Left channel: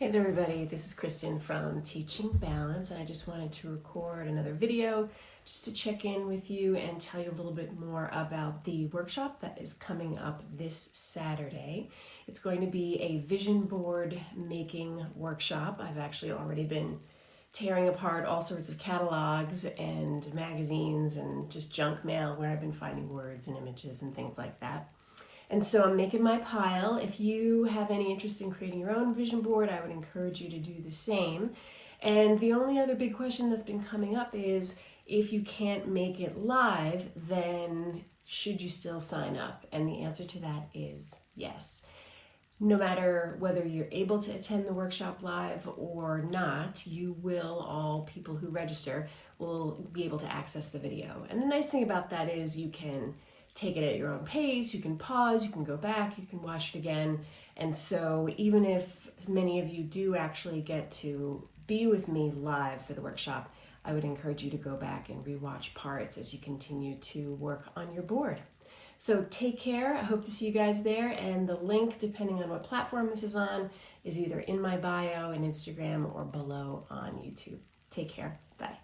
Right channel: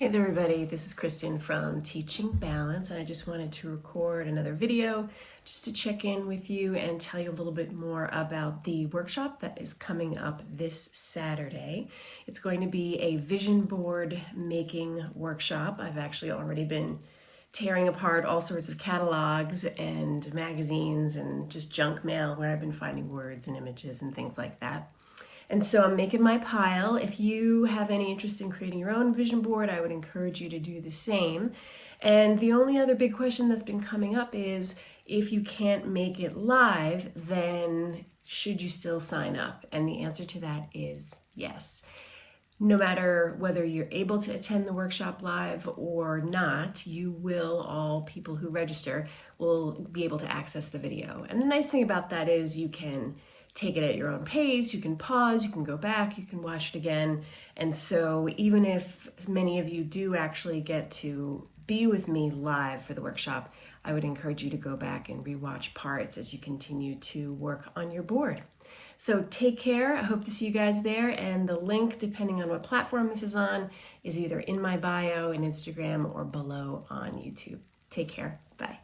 Hey there everybody, this is Kristen from Teaching Balance, and I just wanted to record another video just to check in with you and tell you a little bit more about the workshop that is coming up this Saturday. It's going to be a vision board making workshop. I've actually already been tearing apart all sorts of catalogs and magazines and just junk mail where I've been finding words and images and things like that. And so I'm making my pile. If you have any interest in creating your own vision board, I would encourage you to do the same. And the only other big question that's been coming up is, if you can't make it live, then should you still sign up? And the answer to that is yes. No matter whether you're able to attend the workshop live or not, all people who register will be able to access the video. And the nice thing about that is you can take it at your own pace, you can pause, you can go back, you can watch it again. And so even if many of you do actually get to be with me live for the workshop, I would encourage you to go back and rewatch parts as you continue to work on your board. So take care. I hope to see you guys there. And the link, depending on what platform this is on, is either in my bio in Instagram or below on YouTube. Take care. Bye.